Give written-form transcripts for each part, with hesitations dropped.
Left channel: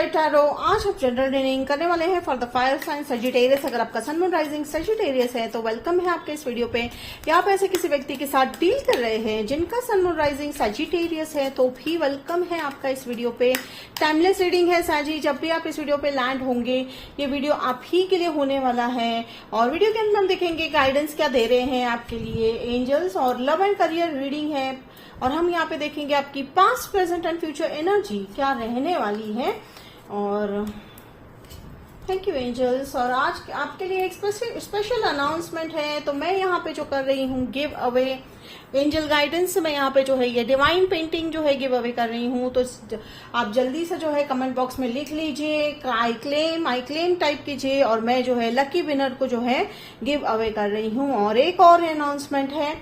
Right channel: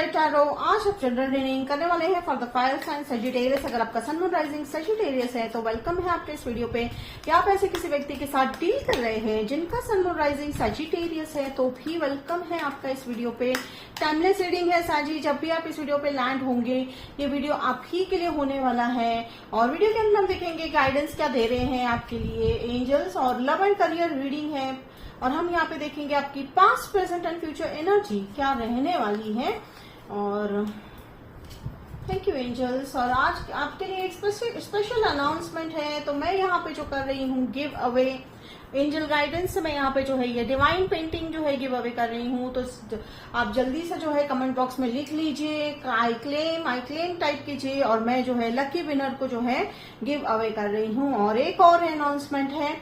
Light tarot आज हम general reading करने वाले हैं for the fire sign Sagittarius. अगर आपका सन मून राइजिंग सजिटेरियस है तो वेलकम है आपके इस वीडियो पे। या आप ऐसे किसी व्यक्ति के साथ डील कर रहे हैं जिनका सन मून राइजिंग सजिटेरियस है तो भी वेलकम है आपका इस वीडियो पे। टाइमलेस रीडिंग है साजी, जब भी आप इस वीडियो पे लैंड होंगे ये वीडियो आप ही के लिए होने वाला है। और वीडियो के अंदर हम देखेंगे गाइडेंस क्या दे रहे हैं आपके लिए एंजल्स, और लव एंड करियर रीडिंग है। और हम यहाँ पे देखेंगे आपकी past present and future energy क्या रहने वाली है। और थैंक यू एंजल्स। और आज आपके लिए एक स्पेशल अनाउंसमेंट है, तो मैं यहाँ पे जो कर रही हूँ गिव अवे एंजल गाइडेंस। मैं यहाँ पे जो है ये डिवाइन पेंटिंग जो है गिव अवे कर रही हूँ, तो आप जल्दी से जो है कमेंट बॉक्स में लिख लीजिए आई क्लेम टाइप कीजिए, और मैं जो है लकी विनर को जो है गिव अवे कर रही हूँ। और एक और अनाउंसमेंट है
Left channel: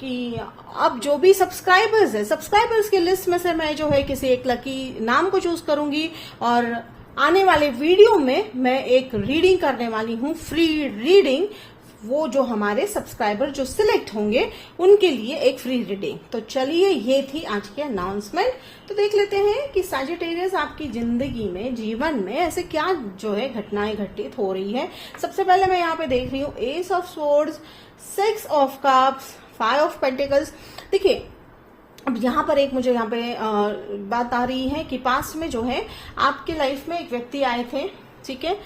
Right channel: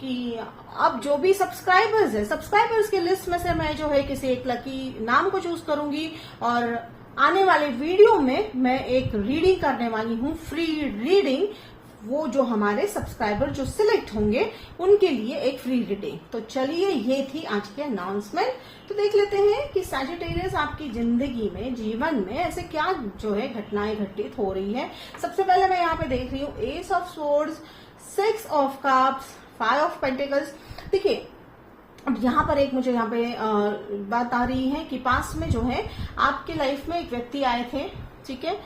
कि अब जो भी सब्सक्राइबर्स है, सब्सक्राइबर्स की लिस्ट में से मैं जो है किसी एक लकी नाम को चूज करूंगी, और आने वाले वीडियो में मैं एक रीडिंग करने वाली हूँ, फ्री रीडिंग। वो जो हमारे सब्सक्राइबर जो सिलेक्ट होंगे उनके लिए एक फ्री रीडिंग। तो चलिए ये थी आज की अनाउंसमेंट। तो देख लेते हैं कि सजिटेरियस आपकी जिंदगी में, जीवन में ऐसे क्या जो है घटनाएं घटित हो रही है। सबसे पहले मैं यहाँ पे देख रही हूँ S of swords, 6 of cups, 5 of pentacles. देखिए अब यहाँ पर एक मुझे यहाँ पे बात आ रही है कि पास में जो है आपके लाइफ में एक व्यक्ति आए थे, ठीक है।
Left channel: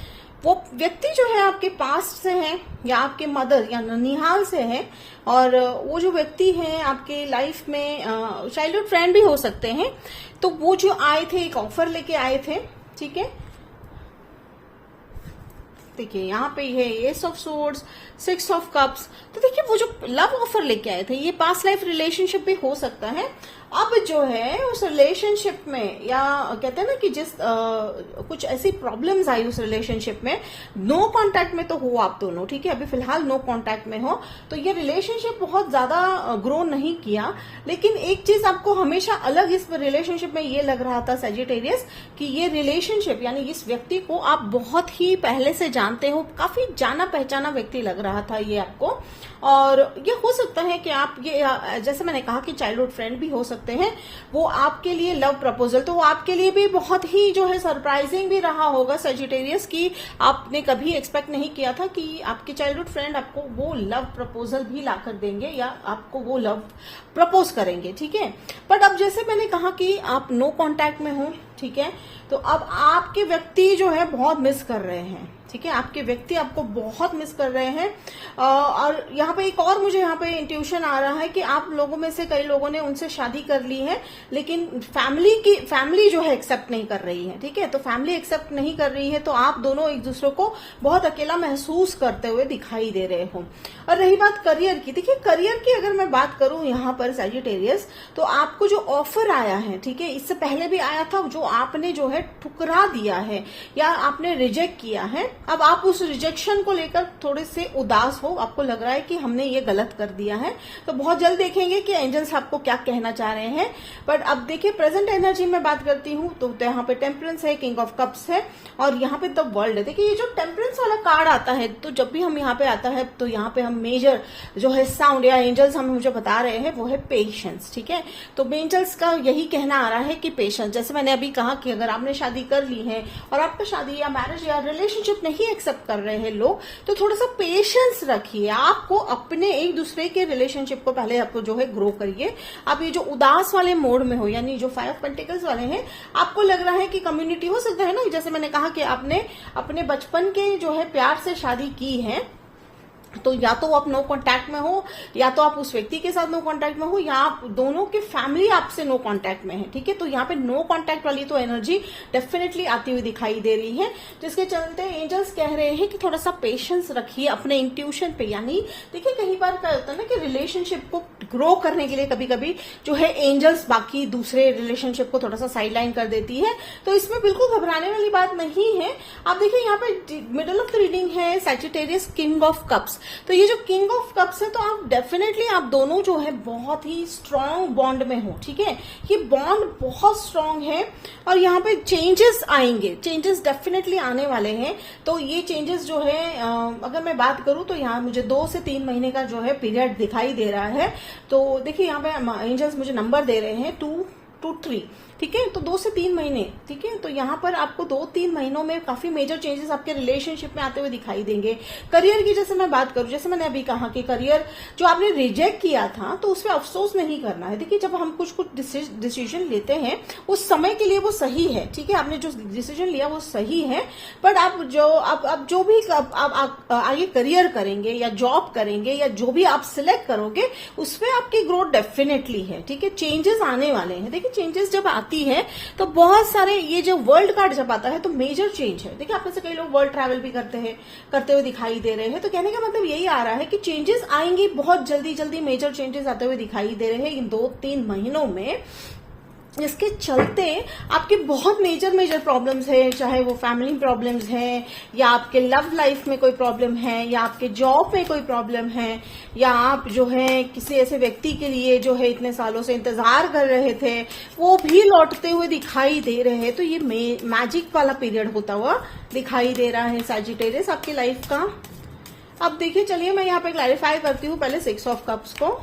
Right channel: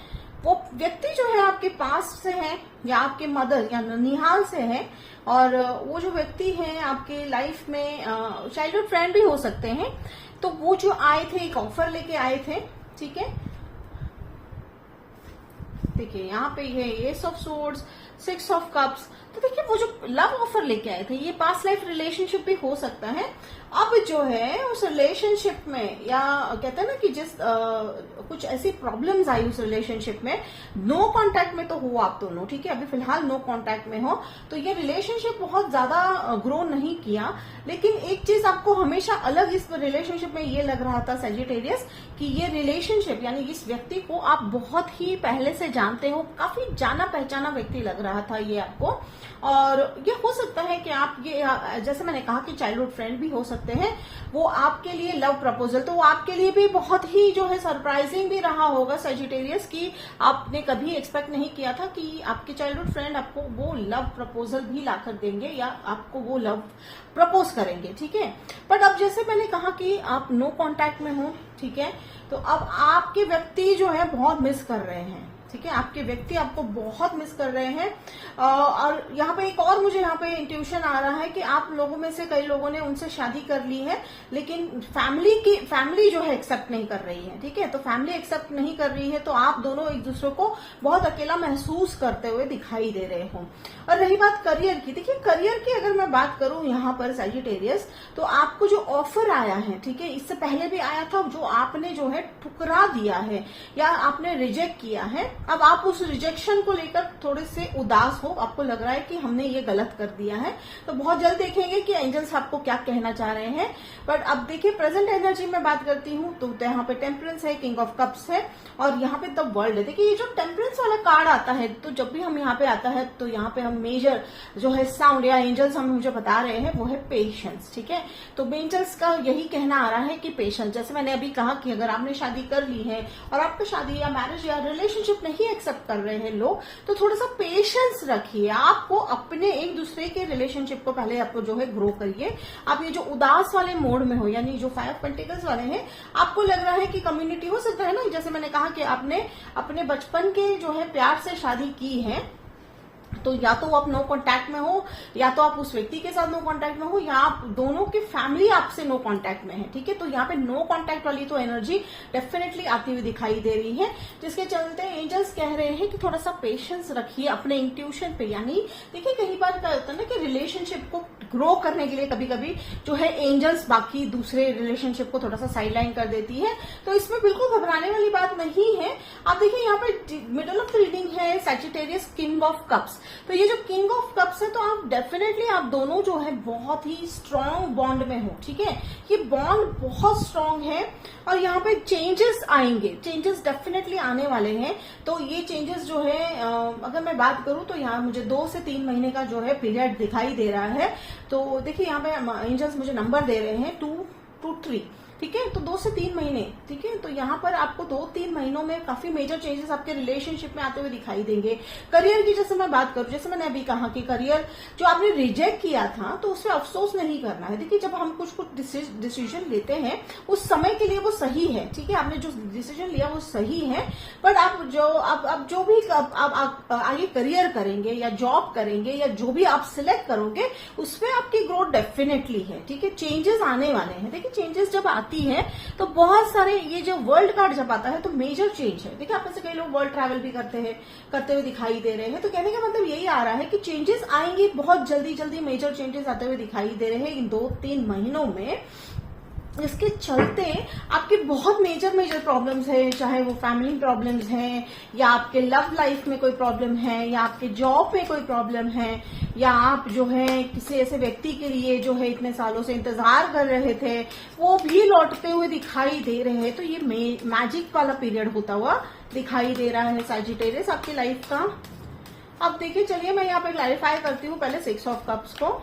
वो व्यक्ति जो है आपके पास से है या आपके मदर या ननिहाल से है, और वो जो व्यक्ति है आपके लाइफ में चाइल्डहुड फ्रेंड भी हो सकते हैं। तो वो जो आए थे एक ऑफर लेके आए थे, ठीक है। देखिए यहाँ पे है S of swords, 6 of cups. तो देखिए वो जो लव ऑफर लेके आए थे ये पास्ट लाइफ रिलेशनशिप भी हो सकता है। अब जो है उस रिलेशनशिप में, या कहते हैं ना कि जिस कुछ ऐसी प्रॉब्लम्स आई उस रिलेशनशिप में, नो कांटेक्ट में तो हो आप दोनों, ठीक है। अभी फिलहाल नो कांटेक्ट में हो, तो ये रिलेशनशिप बहुत ज्यादा ग्रो नहीं किया। लेकिन एक चीज आपको हमेशा अलग इस रिलेशनशिप में ये लग रहा था सजिटेरियस कि ये रिलेशनशिप यानी इस व्यक्ति को आप बहुत ही पहले से जानते हो, काफी जाना पहचाना व्यक्ति लग रहा था ये आपको। और ये हो सकता है कि आप ये, जैसे मैंने कहा कि चाइल्डहुड फ्रेंड भी हो सकते हैं, वो आपके लिए लव प्रपोजल, तो आपके लिए भी बहुत ही जो है सरप्राइजिंग भी रहा होगा सजिटेरियस, कि आपने कभी एक्सपेक्ट नहीं किया था कि आपके चाइल्डहुड फ्रेंड आपको वो लव प्रपोजल भी लाकर देंगे या आपको वो लव प्रपोज करेंगे, ठीक है। बट अब जैसे मैंने कहा कि आप नो कांटेक्ट में हो, ठीक है, तो अब आपके व्यक्ति जो है बहुत मिस कर रहे हैं, ठीक है। आपके व्यक्ति आपको बहुत मिस कर रहे हैं। और यहाँ पे एक और मुझे यहाँ पे इंट्यूशन आ रहा है कि आप लोगों में से कई लोगों ने उनसे शादी कर ली है, लेकिन फैमिली जो है एक्सेप्ट नहीं कर रही है, ठीक है। तो फैमिली एक्सेप्ट नहीं कर रही है, तो आप दोनों एक दूसरे को बहुत अकेला महसूस करते हुए दिखाई दे रहे हो। और रही बात करियर की, देखिए करियर की अगर मैं बात करूं यहाँ पर सजिटेरियस, तो आपको जो ऑफर आया है, ठीक है, इससे पहले भी आया था, जो आपने जो है ठुकरा दिया है या आपने रिजेक्ट किया है। अब आप उस रिजेक्शन को लेकर थोड़े से उदास हो, आपको लग रहा है कि हमने ये गलत कर दिया है। तो बहुत जल्द देखेंगे कि एंजल्स आपको क्या कहना चाह रहे हैं। बट अब देखिए प्रेजेंट एनर्जी में बात करती हूँ तो यहाँ पे टेम्परेंस है, किंग ऑफ कप्स है, और यहाँ पे द वर्ल्ड है। देखिए ये जो टेम्परेंस वाला कार्ड आता है, तो जब भी हम यहाँ पे आता है तो यहाँ पे हम मेजर जो है साउंड या एंजल्स हम मुझे बता रहे हैं वो है पेशेंस, ठीक है। तो एंजल्स का यही कहना आ रहा है कि पेशेंस, जैसे मैंने अभी कहा कि अगर आपने शादी कर ली है और आपको शादी या मैरिज या रिलेशनशिप नहीं एक्सेप्ट कर रहे हैं लोग, तो थोड़ा सा पेशेंस रखिए। आपको अपने एक दूसरे के रिलेशनशिप को पहले आपको जो है ग्रो करिए। आप ये जो उदास वाले मोड में हो, यानी जो 5 ऑफ पेंटिकल्स वाले हैं, आपको लग रहा है कि कम्युनिटी हो सकता है ना, जैसे मैंने कहा कि आपने अपने बचपन के जो है प्यार से शादी की है, तो या तो आप नो कांटेक्ट में हो, या तो आप उस व्यक्ति के साथ नो कांटेक्ट में हो, या आप दोनों की फैमिली आपसे नो कांटेक्ट में है, ठीक है। तो यहाँ पे नो कांटेक्ट वाली तो एनर्जी डेफिनेटली आती हुई दिखाई दे रही है, जिसके चलते एंजल्स कह रहे हैं कि थोड़ा सा पेशेंस रखिए अपने इंट्यूशन पे। यानी देखिए कई बार क्या होता है ना कि रिलेशनशिप को ग्रो करने के लिए कभी कभी जो है एंजल्स बाकी दूसरे रिलेशनशिप को थोड़ा सा साइडलाइन कर देती है, तो इसमें बिल्कुल घबराने वाली बात नहीं है। आप देखिए यहाँ पे मिडल ऑफ द रीडिंग है सजिटेरियस, किंग ऑफ कप्स। तो ये जो किंग ऑफ कप्स है, तो आप डेफिनेटली आप दोनों जो है बहुत ही स्ट्रांग बॉन्ड में हो, ठीक है। ये बॉन्ड बहुत स्ट्रांग है, और यहाँ पे चेंजेस आएंगे, चेंजेस डेफिनेटली आने वाले हैं। तो ये चेंजेस जो है अगर मैं बात करूं तो यहाँ मुझे 2 से 3 महीने का जो है पीरियड दिखाई दे रहा है। तो देखिए यहाँ पे एंजल्स मुझे नंबर दे रहे हैं 2 to 3। ठीक है, तो 2 से 3 महीने, ठीक है। तो यहाँ पर आपको 2-3 महीनों में काफी मेजर चेंजेस आपके रिलेशनशिप में आते हुए दिखाई देंगे। करियर की जैसे मैं बात करूं, जैसे मैंने अभी कहा कि करियर जो आपने रिजेक्ट किया था तो उसमें अफसोस नहीं करना है। देखिए, जब हम कुछ डिसीजन लेते हैं उस समय के लिए वो सही है, ठीक है, आपने जो डिसीजन लिया वो सही है, पर आप जो भी आप आगे करियर करेंगे या जॉब करेंगे या जो भी आप सिलेक्ट करोगे उसमें आपकी ग्रोथ डेफिनेटली है, ठीक है। चेंजेस आने वाले हैं। देखिए, चेंजेस जब आती है तो बहुत सारे, ये जो वर्ल्ड कार्ड जब आता है तो मेजर चेंज है। देखिए, आप में से कई लोग वर्ल्ड ट्रैवल भी करते हुए दिखाई दे रहे हैं, तो कहने का मतलब यही आ रहा है कि चेंजेस आएंगे, बहुत जल्दी मेजर चेंजेस आते हुए दिखाई दे रहे हैं इन 2-3 महीनों में, जिसके चलते आपके बहुत मेजर प्रॉब्लम्स है, चाहे वो फैमिली प्रॉब्लम्स है या आपके लव लाइफ में कोई प्रॉब्लम है या आपके जॉब में कोई प्रॉब्लम है या आप जो है किसी ऐसे व्यक्ति के लिए जो है इतने सालों से इंतजार कर रहे थे वो भी लौटते हुए दिखाई दे रहे हैं। तो ये मैजिक वाला पीरियड होता हुआ दिखाई दे रहा है सैजिटेरियस आपकी लाइफ का। अब देखिए, चलिए मैं यहाँ पे क्लैरिफाई करती हूँ पहले 6 ऑफ कप्स को।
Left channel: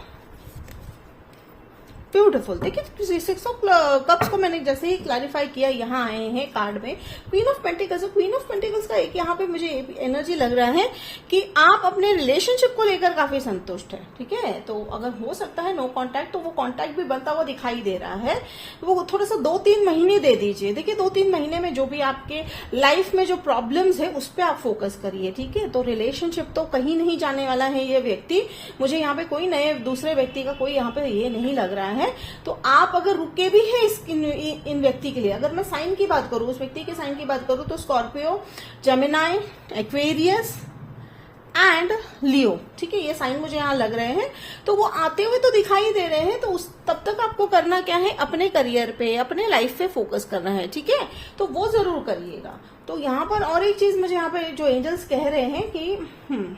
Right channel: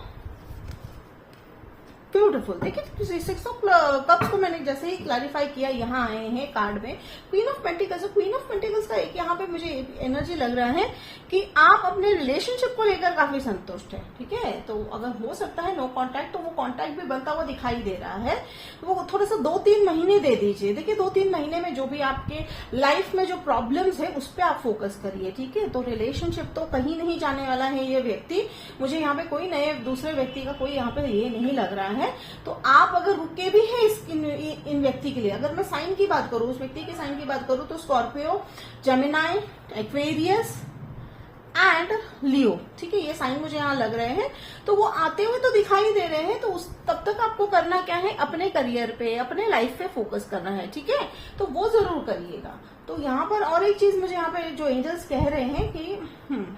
ब्यूटीफुल, देखिए 6 ऑफ कप्स को मैंने जैसे ही क्लैरिफाई किया, यहाँ आए हैं कार्ड में queen of pentacles. Queen of pentacles का एक यहाँ पे मुझे एनर्जी लग रहा है कि आप अपने रिलेशनशिप को लेकर काफी संतुष्ट है, ठीक है। तो अगर हो सकता है नो कांटेक्ट, तो वो कांटेक्ट भी बनता हुआ दिखाई दे रहा है। वो थोड़ा सा 2-3 महीने दे दीजिए। देखिए, 2-3 महीने में जो भी आपके लाइफ में जो प्रॉब्लम्स है उस पर आप फोकस करिए, ठीक है। तो रिलेशनशिप तो कहीं नहीं जाने वाला है ये व्यक्ति, मुझे यहाँ पे कोई नए दूसरे व्यक्ति का कोई यहाँ पे ये नहीं लग रहा है। तो आप अगर रुके भी हैं इन व्यक्ति के लिए, अगर मैं साइन की बात करूं, उस व्यक्ति के साइन की बात करूं, तो स्कॉर्पियो, जेमिनाई, एक्वेरियस एंड लियो, ठीक है, ये साइन मुझे यहाँ लग रहे हैं। तो वो आते हुए तो दिखाई दे रहे हैं, तो तब तक आपको करना क्या है, अपने करियर पे, अपने लाइफ पे फोकस करना है, ठीक है। तो वो जरूर करिएगा। तो यहाँ पर और एक चीज मुझे यहाँ पे जो एंजल्स कह रहे हैं कि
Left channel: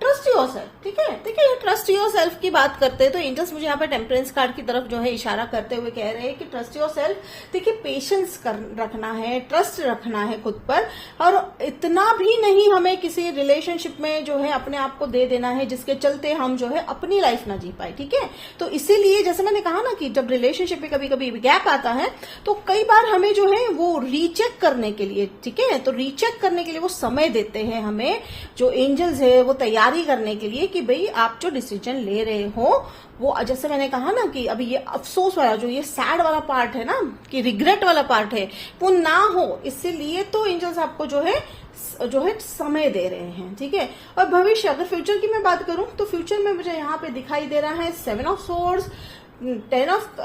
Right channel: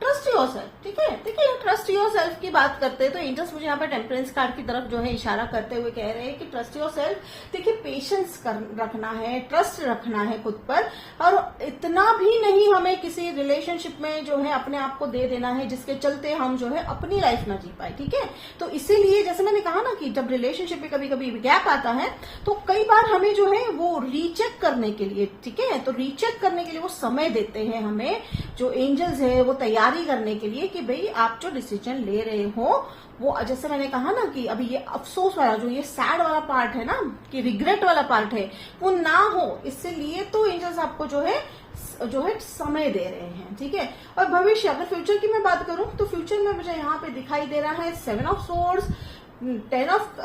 ट्रस्ट योरसेल्फ, ठीक है। देखिए, ट्रस्ट योरसेल्फ की बात करते हैं तो एंजल्स मुझे यहाँ पे टेम्परेंस कार्ड की तरफ जो है इशारा करते हुए कह रहे हैं कि ट्रस्ट योरसेल्फ। देखिए, पेशेंस रखना है, ट्रस्ट रखना है खुद पर, और इतना भी नहीं हमें किसी रिलेशनशिप में जो है अपने आप को दे देना है जिसके चलते हम जो है अपनी लाइफ ना जी पाए, ठीक है। तो इसीलिए जैसे मैंने कहा ना कि जब रिलेशनशिप में कभी कभी गैप आता है तो कई बार हमें जो है वो रीचेक करने के लिए, ठीक है, तो रीचेक करने के लिए वो समय देते हैं हमें, जो एंजल्स है वो तैयारी करने के लिए कि भाई आप जो डिसीजन ले रहे हो वो, जैसे मैंने कहा ना कि अभी ये अफसोस वाला, जो ये सैड वाला पार्ट है ना, कि रिग्रेट वाला पार्ट है, वो ना हो, इसलिए तो एंजल्स आपको जो है समय दे रहे हैं, ठीक है। और भविष्य, अगर फ्यूचर की मैं बात करूं तो फ्यूचर में मुझे यहाँ पे दिखाई दे रहा है 7 ऑफ सोर्ड्स, 10 ऑफ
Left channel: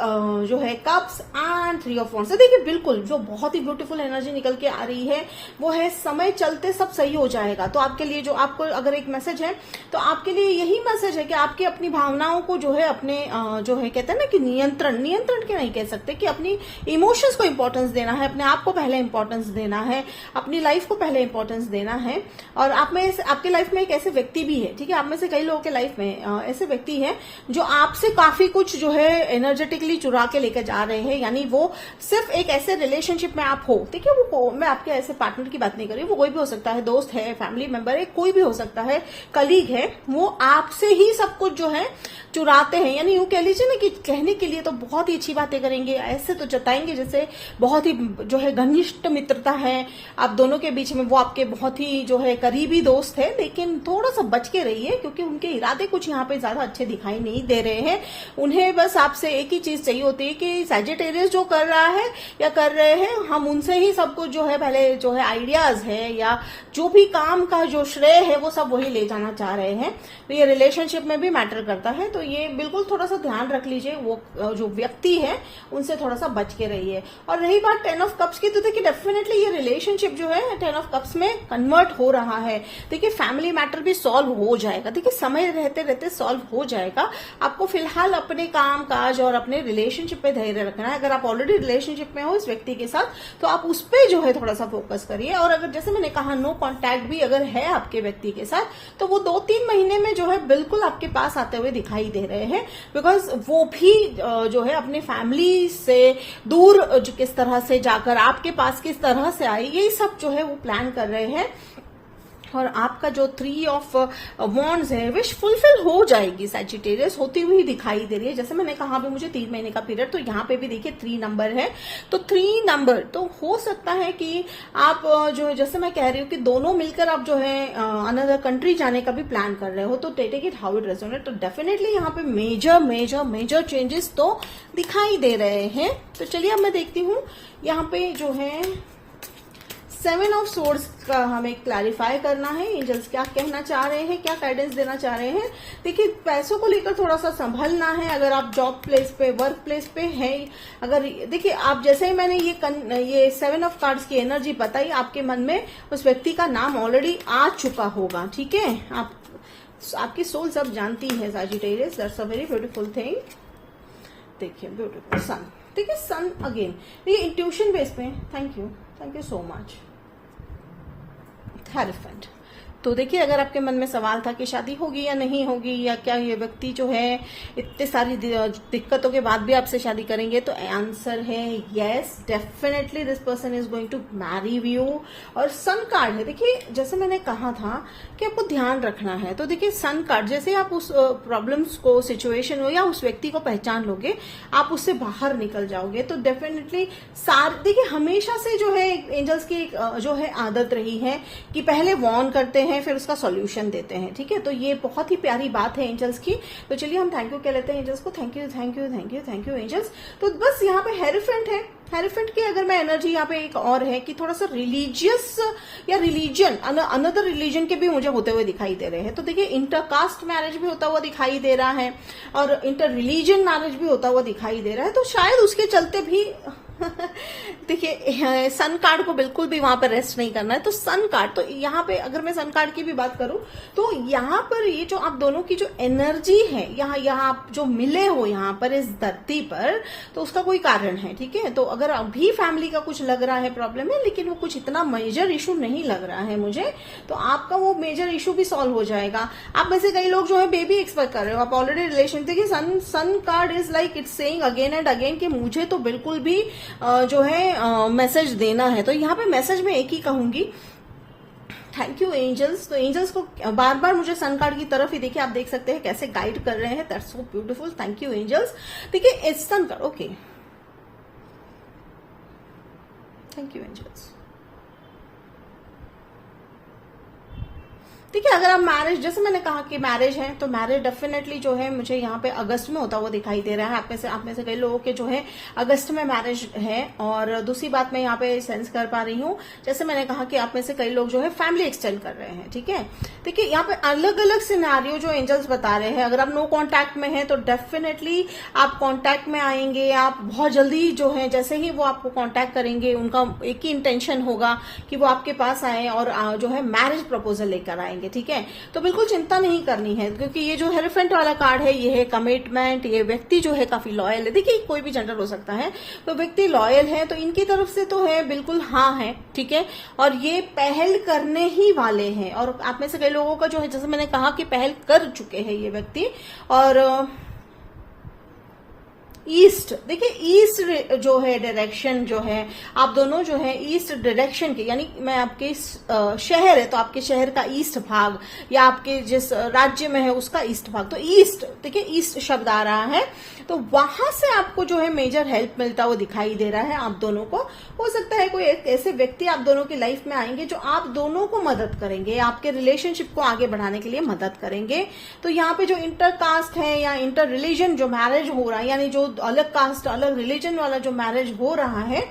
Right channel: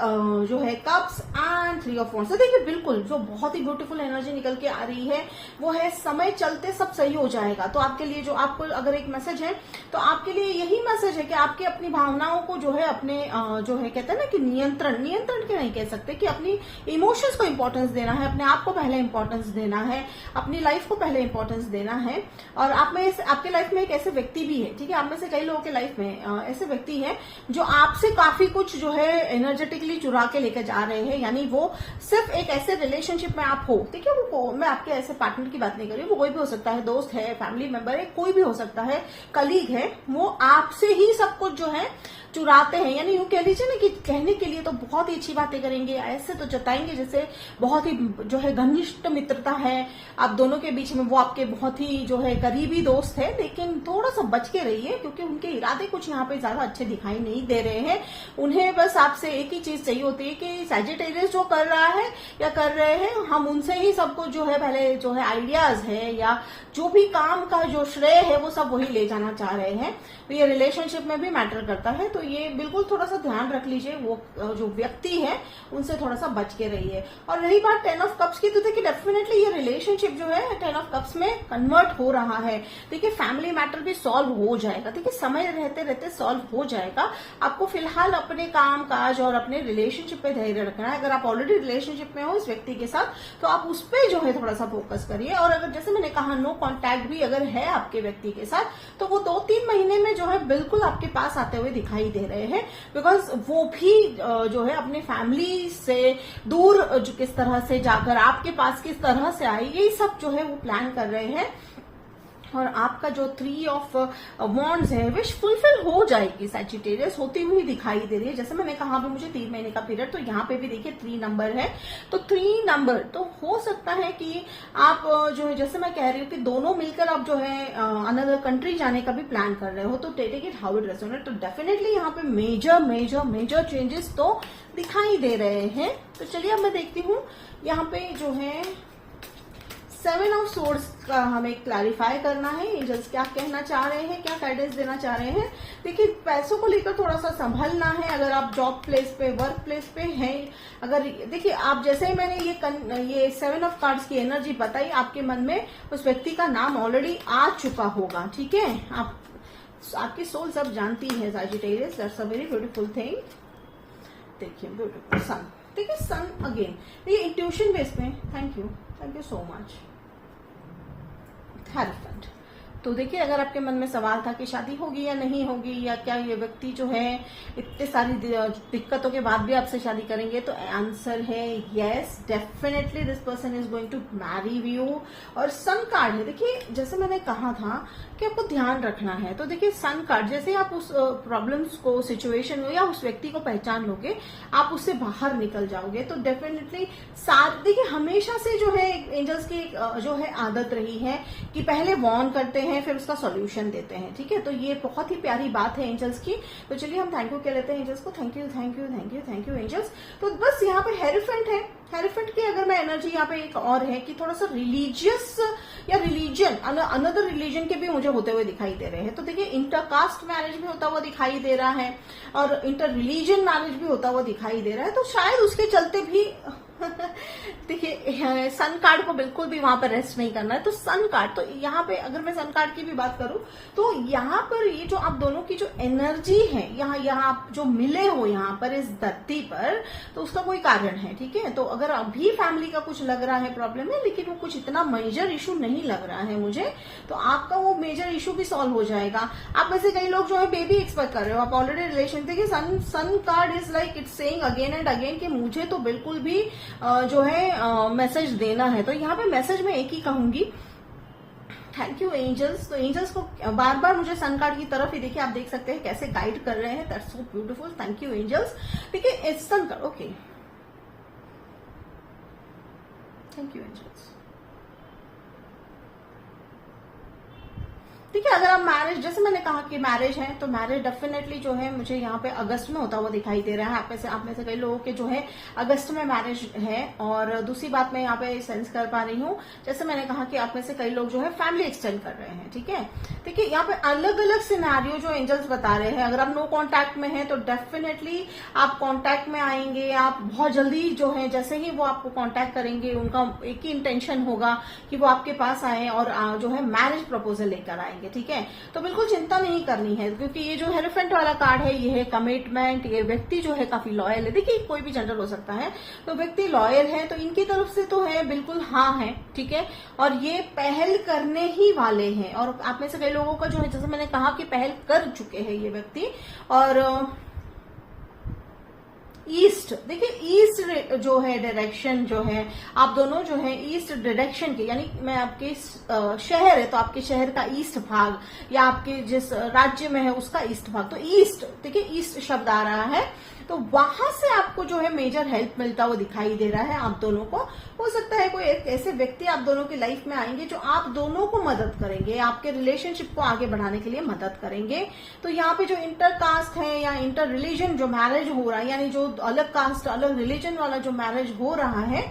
जो है कप्स एंड 3 ऑफ वांड्स। देखिए, बिल्कुल जो बहुत ही ब्यूटीफुल एनर्जी निकल के आ रही है वो है समय चलते सब सही हो जाएगा। तो आपके लिए जो आपको अगर एक मैसेज है तो आपके लिए यही मैसेज है कि आपके अपनी भावनाओं को जो है अपने जो है कहते हैं ना कि नियंत्रण के नहीं कह सकते, कि अपनी इमोशंस को इंपॉर्टेंस देना है, अपने आप को पहले इंपॉर्टेंस देना है, अपनी लाइफ को पहले इंपॉर्टेंस देना है। और आपके लाइफ में एक ऐसे व्यक्ति भी है, ठीक है, आप में से कई लोगों के लाइफ में ऐसे व्यक्ति है जो आपसे काफी कुछ जो है एनर्जेटिकली चुरा के लेकर जा रहे हैं। यानी वो सिर्फ एक ऐसे रिलेशनशिप में आप हो, ठीक है, वो मैं आपके ऐसे पार्टनर की बात नहीं कर रही, वो कोई भी हो सकता है, दोस्त है, फैमिली मेंबर है, कोई भी हो सकता है, कलीग है, वो आपसे ही सब कुछ जो है चुराते हैं। यानी वो कह लीजिए ना कि कहने के लिए तो बहुत ही अच्छी बातें करेंगे, ऐसे तो जताएंगे जैसे बहुत ही जो है घनिष्ठ मित्रता है आप दोनों के बीच में, वो आपके बहुत ही जो है करीबी दोस्त है, लेकिन थोड़ा सा बच के रहिए क्योंकि उनके इरादे कुछ यहाँ पे ज्यादा अच्छे दिखाई नहीं दे रहे हैं। उन्हें बस आपसे एक ही चीज चाहिए होती है कि सैजिटेरियस जो कर रहा है या कर रहे हैं, हम उनसे ही सब कुछ जो है पहले जो है आइडियाज है या जो भी काम का जो श्रेय है वो सब वही ले जाना चाह रहे हैं। तो ये रिलेशनशिप में भी मैटर करता है, तो ये बिल्कुल थोड़ा सा ध्यान रख लीजिए, वो जो व्यक्ति है उनसे थोड़ा सा बच के रहिए। और रही बात 10 ऑफ कप्स की, तो देखिए डेफिनेटली ये रिलेशनशिप जो है 10 ऑफ कप्स में कन्वर्ट हो रहा है। देखिए, फैमिली मैटर भी सॉल्व हो जाएगा, देखिए समय रहते रहते सॉल्व हो जाएगा। आपको फिलहाल अपने काम काज और अपने रिलेशनशिप पे धैर्य रखना है। अगर आप ऑलरेडी रिलेशनशिप में हो इस व्यक्ति के साथ तो आप उस पर जो है थोड़ा सा फोकस करिए। और अगर जैसे मैंने कहा नो कॉन्टैक्ट भी अगर है आपके व्यक्ति के साथ तो वो 2-3 महीने में जो है बिल्कुल आपके पास आते हुए दिखाई दे रहे हैं, बिकॉज वो भी जो है अपने फैमिली से दूर किस तरह से जाकर आपके पास किस तरह से आई, ये सब जो है वो प्लान कर रहे हैं। और आपका जो 3 ऑफ वॉन्ड्स है विश फुलफिल हो जाएगी सैजिटेरियस, होती हुई दिखाई दे रही है। जैसे मैंने कहा भी मुझे 3 महीने का पीरियड, तो यहाँ पे भी देखिए 3 नंबर है, तो 3 नंबर तो हो सकता है कि आप जो है, जैसे मैं कह रही हूँ कि दोनों मिलकर आप जो है अनदर कंट्री जाने का भी प्लान कर रहे हो, तो take it how it resonate. तो डेफिनेटली यहाँ पे मेजर मेजर मेजर चेंजेस तो दिखाई दे रहे हैं। तो चलिए अब मैं देखती हूँ यहाँ पे जो है 7 ऑफ सोर्ड्स का हमें क्लैरिफाई करना है। एंजल्स क्या कहना चाह रहे हैं, क्या गाइडेंस देना चाह रहे हैं। देखिए पैसों को लेकर थोड़ा सा संभलना है। अगर आप जॉब प्लेस पे, वर्क प्लेस पे हैं, अगर देखिए आप जैसे ही मैंने ये 7 ऑफ कार्ड्स की एनर्जी बताई, आपके मन में उस व्यक्ति का नाम ऑलरेडी आ चुका होगा, ठीक है। आपकी सोल सब जानती है Sagittarius, that's a very beautiful thing. देखिए ब्यूटीफुल सन, देखिए सन अगेन, ये इंट्यूशन बेस पे, thank you so much. Hierophant, तो देखिए अगर आपके मन में सवाल था कि शादी होगी या नहीं होगी, या क्या ये व्यक्ति जो है इतने सारी दिक्कतों के बाद भी आपसे शादी करेंगे, तो आंसर है yes, definitely this person is going to marry you. और सन कार्ड है, देखिए जैसे मैंने कहा था कि आपको ध्यान रखना है, तो देखिए सन कार्ड, जैसे आप उस प्रॉब्लम्स को, सिचुएशन हो या उस व्यक्ति को पहचान लोगे, आप उससे बाहर निकल जाओगे। तो डेफिनेटली देखिए हमेशा से जो है एंजल्स की जो है आदत रही है कि पहले वॉर्न करते हैं, फिर उसका सॉल्यूशन देते हैं, ठीक है। तो ये बहुत ही प्यारी बात है एंजल्स की। तो चलिए हम थैंक यू कह लेते हैं एंजल्स को। Thank you thank you thank you thank you angels. तो बस यहाँ पे हेरोफेंट है, हेरोफेंट की अगर मैं एनर्जी यहाँ पे एक और है कि थोड़ा सा रिलीजियस या रिलीजन, अनदर रिलीजन के भी मुझे होते हुए दिखाई दे रहे हैं। तो देखिए इंटरकास्ट मैरिज भी होता हुआ दिखाई दे रहा है और इंटर रिलीजन मैरिज भी होता हुआ दिखाई दे रहा है। तो शायद उसके चलते भी देखिए सन कार्ड को बिल्कुल भी वहां पर रेस्ट नहीं करना है। तो सन कार्ड, तो यहाँ पे अगर मैं सन कार्ड की भी बात करूं, तो यहाँ पर ये जो आप दोनों की जो एनर्जी है, यहाँ आप जो मिले हो यहाँ पर इस धरती पर, तो उसका कोई कारण है, ठीक है। तो अगर अभी फैमिली का कुछ लग रहा है प्रॉब्लम है, लेकिन वो कुछ इतना मेजर इशू नहीं लग रहा है मुझे, तो आपका वो मेजर इशू भी सॉल्व हो जाएगा। आप में से कई लोग जो है बेबी एक्सपेक्ट कर रहे हो, आप ऑलरेडी रिलेशन, देखिए sun card is like it's saying again and again कि मुझे तो बिल्कुल भी जो है मैसेज देना है। तो यहाँ पे मैसेज में एक ही कहूंगी, थैंक यू एंजल्स। तो एंजल्स को बार बार मुझे सन कार्ड की तरफ ही देखिए, आप देख सकते हैं कैसे गाइड कर रहे हैं, that's so beautiful, thank you angels. देखिए it's sun card, okay, thank you angels. ठीक है, अगर आप मैरिज, जैसे मैंने कहा कि मैरिज है, तो मैरिज डेफिनेटली जो है मुझे यहाँ पे अगस्त में होता हुआ दिखाई दे रहा है। आप में से कई लोगों के जो है अगस्त में मैरिज है। और दूसरी बात मैं यहाँ पे सेंस कर पा रही हूँ, जैसे मैंने कहा कि आप में से कई लोग जो है फैमिली एक्सटेंड कर रहे हैं, ठीक है। देखिए यहाँ पे अलग अलग सिनेरियो जो एंजल्स बता रहे हैं। अगर आप नो कॉन्टैक्ट में है तो डेफिनेटली आप कॉन्टैक्ट में आएंगे, आप बहुत जल्दी जो है, जैसे ही वो आपको कॉन्टैक्ट करेंगे, उनका एक ही इंटेंशन होगा कि वो आपके पास आए और जो है मैरिज प्रपोजल लेकर आएंगे, ठीक है। तो बिल्कुल चिंता नहीं करनी है, क्योंकि ये जो हेरोफेंट वाला कार्ड है, ये है कमिटमेंट। ये व्यक्ति जो है काफी लॉयल है, देखिए कोई भी जेंडर हो सकता है, तो व्यक्ति लॉयल है, तो इनकी तरफ से तो है बिल्कुल हाँ है, ठीक है। और ये पहल करने ही वाले हैं। और आप में से कई लोगों का जो है, जैसे मैंने कहा कि पहल कर चुके हैं ये व्यक्ति। और ईस्ट, देखिए ईस्ट जो है डायरेक्शन जो है, आप दोनों जो है ईस्ट डायरेक्शन के, यानी मैं आपके शहर है तो आपके शहर का ईस्ट भाग, या आपके जिस राज्य में है उसका ईस्ट भाग, तो ईस्ट, देखिए ईस्ट शब्द आ रहा है, तो वहां से आपको जो है मेजर हेल्प मिलता हुआ दिखाई दे रहा है आप दोनों को। हो सकता है कोई एक ऐसे व्यक्ति आप दोनों की लाइफ में आएंगे जो आप दोनों को मदद करेंगे, आपके रिलेशनशिप को आगे बढ़ाने के लिए मदद करेंगे। तो यहाँ पे जो इंटर कास्ट है या इंटर रिलीजन जो मैरिज हो रहा है, यानी जो अलग कास्ट अलग रिलीजन वाला जो मैरिज हो रहा है,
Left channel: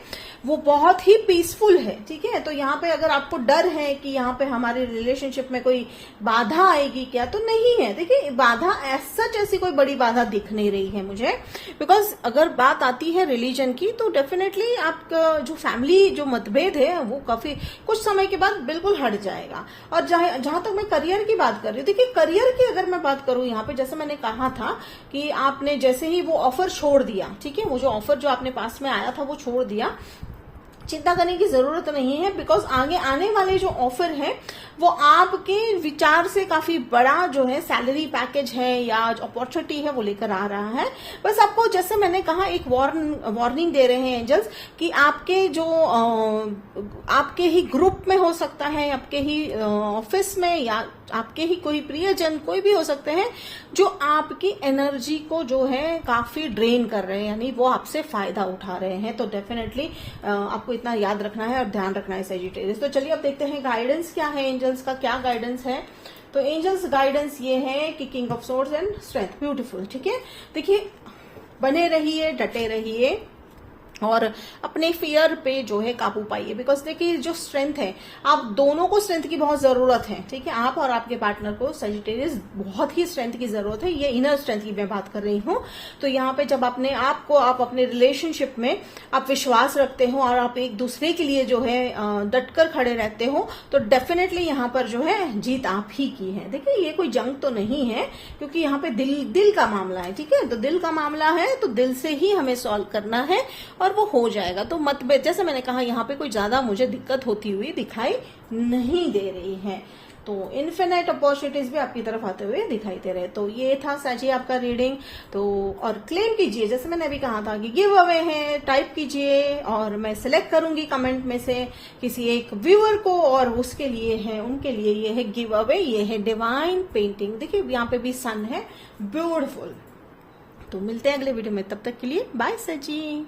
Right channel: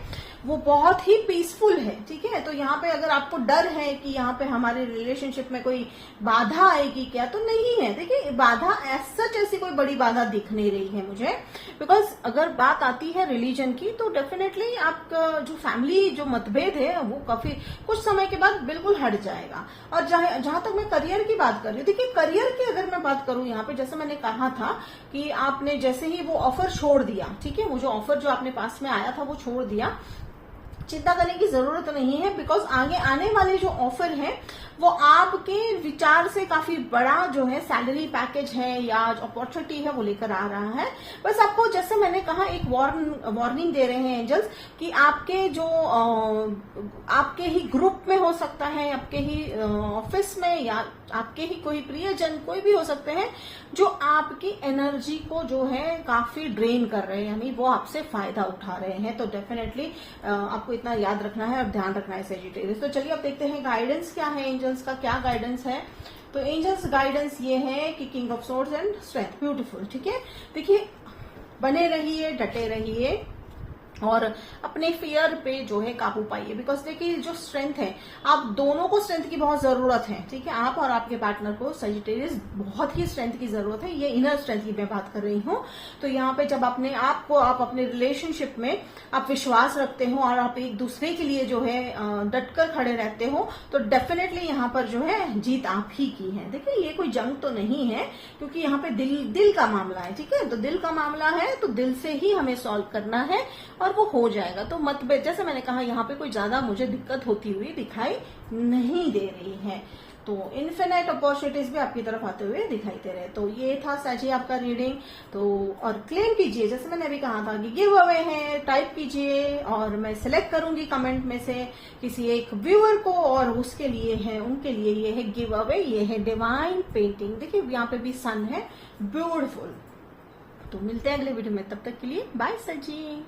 वो बहुत ही पीसफुल है, ठीक है। तो यहाँ पे अगर आपको डर है कि यहाँ पे हमारे रिलेशनशिप में कोई बाधा आएगी क्या, तो नहीं है। देखिए बाधा सच ऐसी कोई बड़ी बाधा दिख नहीं रही है मुझे, बिकॉज अगर बात आती है रिलीजन की, तो डेफिनेटली आपका जो फैमिली जो मतभेद है वो काफी कुछ समय के बाद बिल्कुल हट जाएगा। और जहां तक मैं करियर की बात कर रही हूँ, देखिए करियर की अगर मैं बात करूं यहाँ पे, जैसे मैंने कहा था कि आपने जैसे ही वो ऑफर छोड़ दिया, ठीक है, वो जो ऑफर जो आपने पास में आया था वो छोड़ दिया, चिंता करने की जरूरत नहीं है, बिकॉज आगे आने वाले जो ऑफर है वो आपके विचार से काफी बड़ा जो है सैलरी पैकेज है या अपॉर्चुनिटी है वो लेकर आ रहा है। बस आपको जैसे मैंने कहा एक वार्निंग दे रहे हैं एंजल्स कि आपके जो आपके ही ग्रुप में हो सकता है, आपके ही ऑफिस में या आपके ही कोई प्रियजन कोई भी हो सकते हैं जो आपकी एनर्जी को जो है काफी ड्रेन कर रहे हैं, यानी वो आपसे फायदा उठा रहे हैं। तो डेफिनेटली आपको इतना याद रखना है और ध्यान रखना है सजिटेरियस। तो चलिए अब देखते हैं गाइडेंस क्या है, एंजल्स का क्या गाइडेंस है। तो एंजल्स गाइडेंस ये है कि king of swords and strength, beautiful. ठीक है, देखिए बने रहिए, डटे रहिए और अपने फियर पे जो है काबू पाइए, बिकॉज देखिए जो स्ट्रेंथ है, आप दोनों को स्ट्रेंथ की बहुत जरूरत है। ठीक है, आप और आपके पार्टनर को सजिटेरियस बहुत ही स्ट्रेंथ की जरूरत है, ये इनर स्ट्रेंथ की मैं बात कर रही हूँ। तो यहाँ पे जब अपने आप को आप अपने रिलेशनशिप में आप विश्वास रखते हो और आप एक दूसरे के लिए जो है डटकर खड़े रहते हो, तो डेफिनेटली यहाँ पर जो है जीत आप ही की है। देखिए ये कोई जंग तो नहीं है, क्योंकि यहाँ पे दिल का मामला है। ठीक है, तो दिल का मामला है तो दिल से ही हमें सॉल्व करना है और वो हो जाएगा। तो मतभेद, जैसे मैंने कहा, यहाँ पे कोई ज्यादा मुझे दिक्कत होती हुई दिखाई नहीं दे रही है। तो इन्फिनिट अपॉर्चुनिटीज भी आपकी तरफ आते हुए दिखाई दे रहे। तो ये था साजी आपका रीडिंग। तो और क्लेम कीजिए, जैसे मैंने अभी कहा था कि गिव अवे है, टाइप कीजिए और मैं सिलेक्ट करूंगी कमेंट में से किसी एक व्यूअर को, और उसके लिए है, उनके लिए ये है गिव अवे, ये है डिवाइन पेंटिंग। देखिए यहाँ पे भी सन है, ब्यूटिफुल। तो मिलते हैं अगले वीडियो में, तब तक के लिए बाय सजी।